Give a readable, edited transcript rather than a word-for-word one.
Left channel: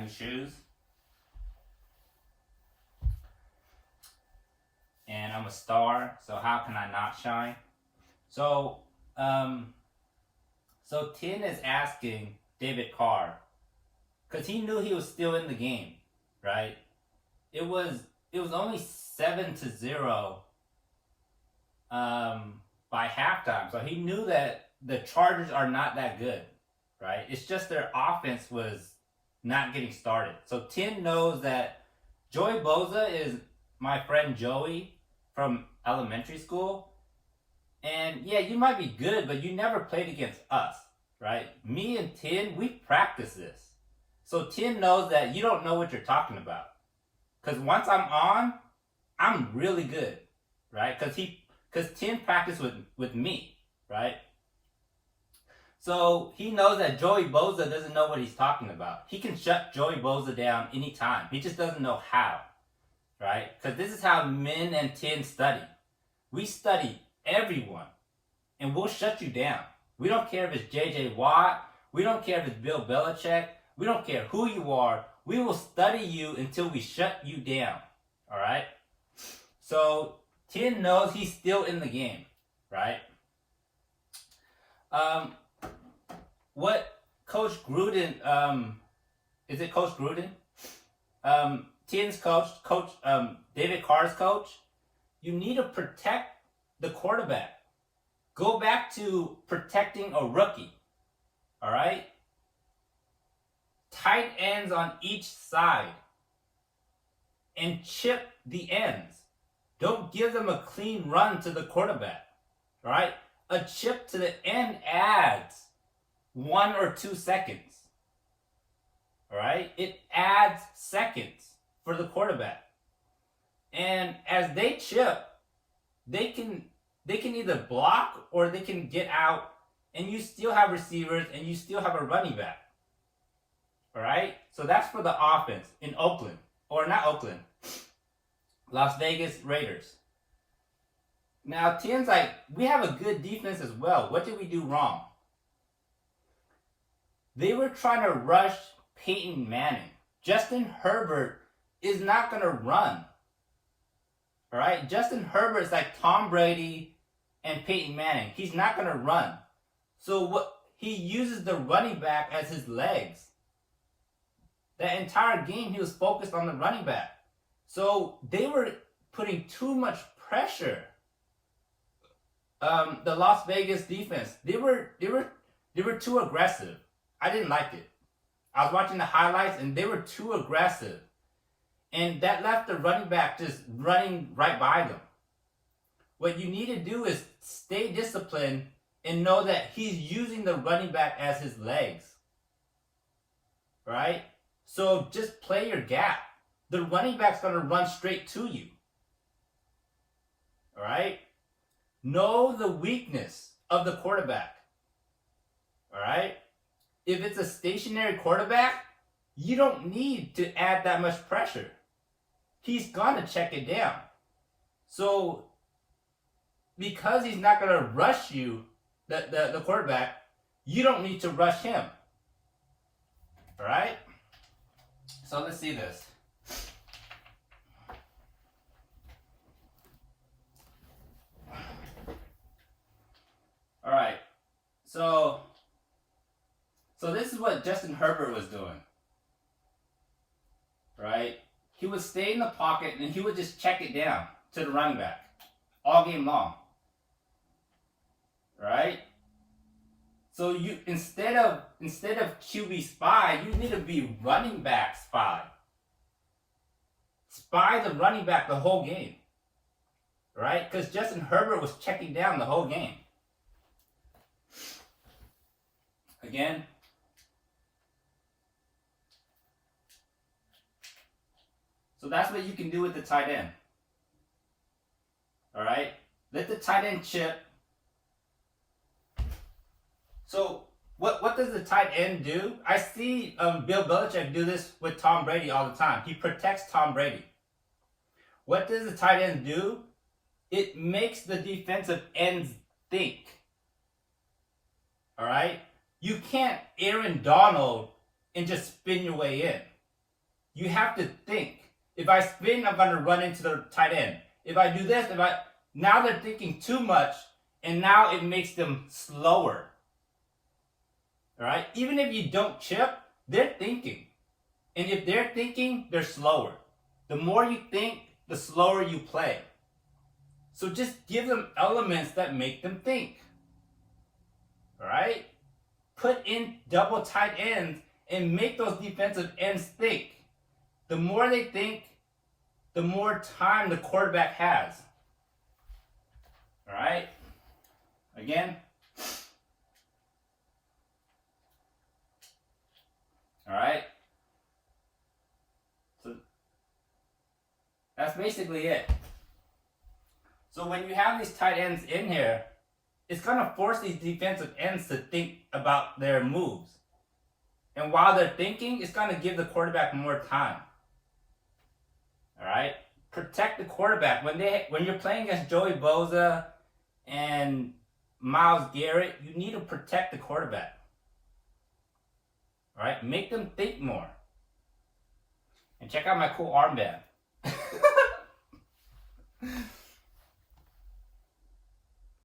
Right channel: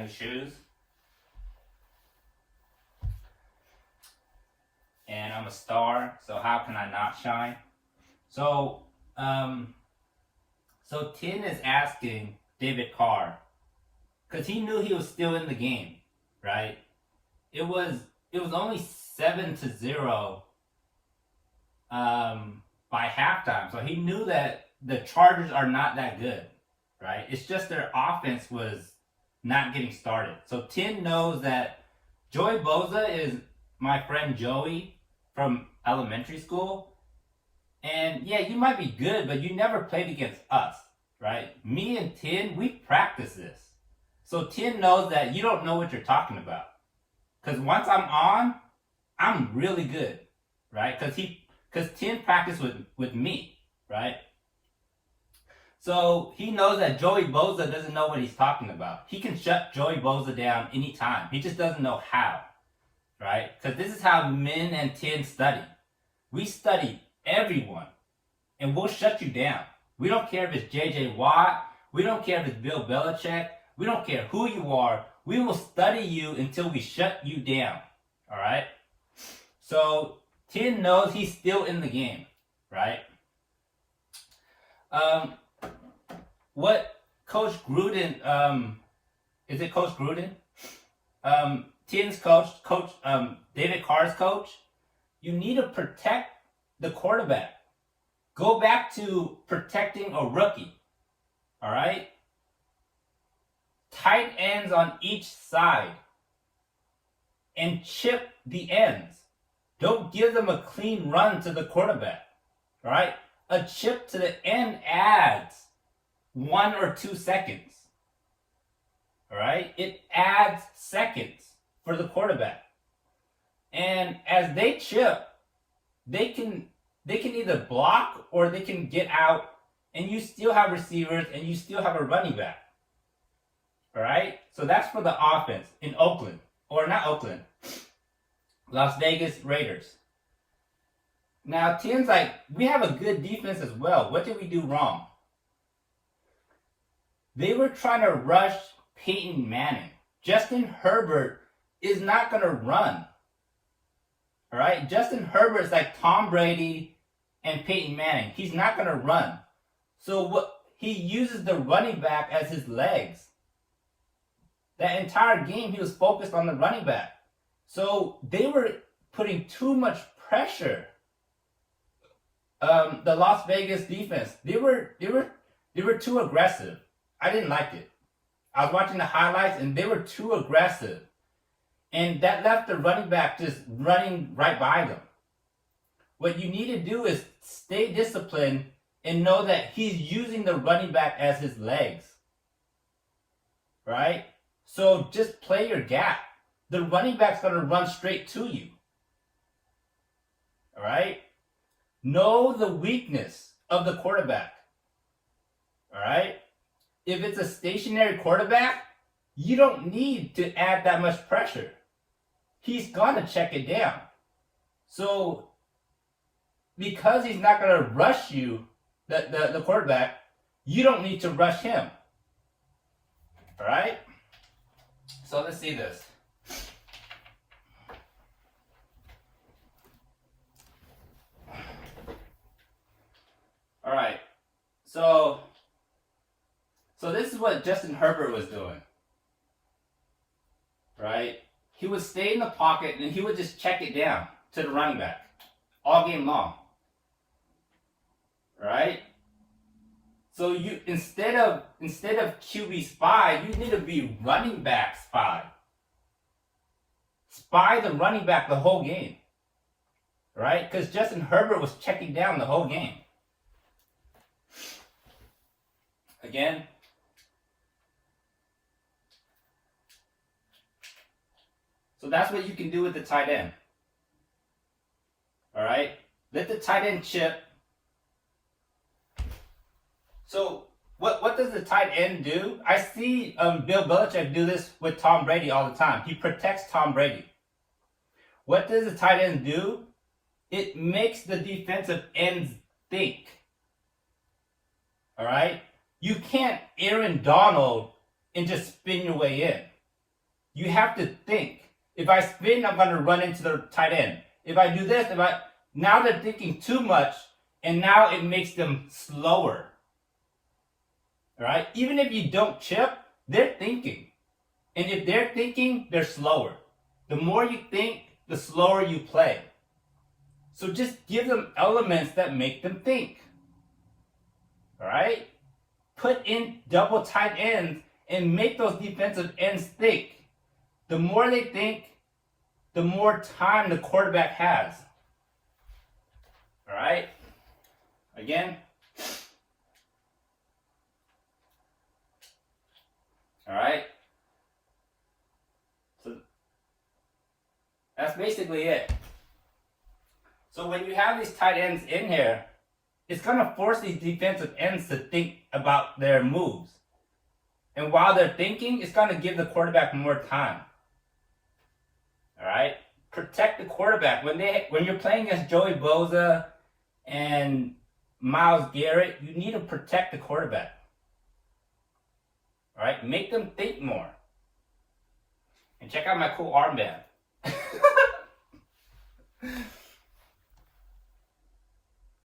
new shoes. And I'm a star, so how can I not shine? So, Tin is asking David Carr, because he knew he was still in the game, right? It was only 7-0 by halftime, so he knew that the Chargers are not that good, right? It's just their offense was not getting started. So Tin knows that Joey Bosa is my friend Joey from elementary school. And yeah, you might be good, but you never played against us, right? Me and Tin, we practice this. So Tin knows that you don't know what you're talking about. Because once I'm on, I'm really good, right? Because Tin practiced with me, right? So he knows that Joey Bosa doesn't know what he's talking about. He can shut Joey Bosa down anytime. He just doesn't know how, right? Because this is how Min and Tin study. We study everyone, and we'll shut you down. We don't care if it's J.J. Watt. We don't care if it's Bill Belichick. We don't care who you are. We will study you until we shut you down, all right? So Tin knows he's still in the game, right? What Coach Gruden, is it Coach Gruden? Tin's coach, David Carr's coach, you need to protect the quarterback. Go back to protecting a rookie, all right? Tight ends on each side and chip the ends. Don't give them a clean run to the quarterback, all right? A chip to the end adds 1 or 2 seconds, all right? It adds seconds for the quarterback. And as they chip, they can either block or they can get out, and you still have receivers and you still have a running back. All right? So that's for the offense in Oakland. Or not Oakland. Las Vegas Raiders. Now, Tin's like, we have a good defense as well. What did we do wrong? They were trying to rush Peyton Manning. Justin Herbert is not going to run. All right? Justin Herbert is like Tom Brady and Peyton Manning. He's not going to run. So he uses the running back as his legs. That entire game, he was focused on the running back. So they were putting too much pressure. The Las Vegas defense, they were too aggressive. I didn't like it. I was watching the highlights and they were too aggressive. And that left the running back just running right by them. What you need to do is stay disciplined and know that he's using the running back as his legs. Right? So just play your gap. The running back's going to run straight to you. All right? Know the weakness of the quarterback. All right? If it's a stationary quarterback, you don't need to add that much pressure. He's going to check it down. So, because he's not going to rush you, the quarterback, you don't need to rush him. All right? So let's see this. All right. So this is what Justin Herbert was doing. Right? He would stay in the pocket and he would just check it down to the running back all game long. Right? So you instead of QB spy, you need to be running back spy. Spy the running back the whole game. Right? Because Justin Herbert was checking down the whole game. Again. So that's what you can do with the tight end. All right? Let the tight end chip. So what does the tight end do? I see Bill Belichick do this with Tom Brady all the time. He protects Tom Brady. What does the tight end do? It makes the defensive ends think. All right? You can't Aaron Donald and just spin your way in. You have to think. If I spin, I'm going to run into the tight end. If I do this, now they're thinking too much, and now it makes them slower. All right? Even if you don't chip, they're thinking. And if they're thinking, they're slower. The more you think, the slower you play. So just give them elements that make them think. All right? Put in double tight ends and make those defensive ends think. The more they think, the more time the quarterback has. All right? Again. All right? So that's basically it. So when you have these tight ends in here, it's going to force these defensive ends to think about their moves. And while they're thinking, it's going to give the quarterback more time. All right? Protect the quarterback. When you're playing against Joey Bosa and Myles Garrett, you need to protect the quarterback. All right? Make them think more. And check out my cool armband.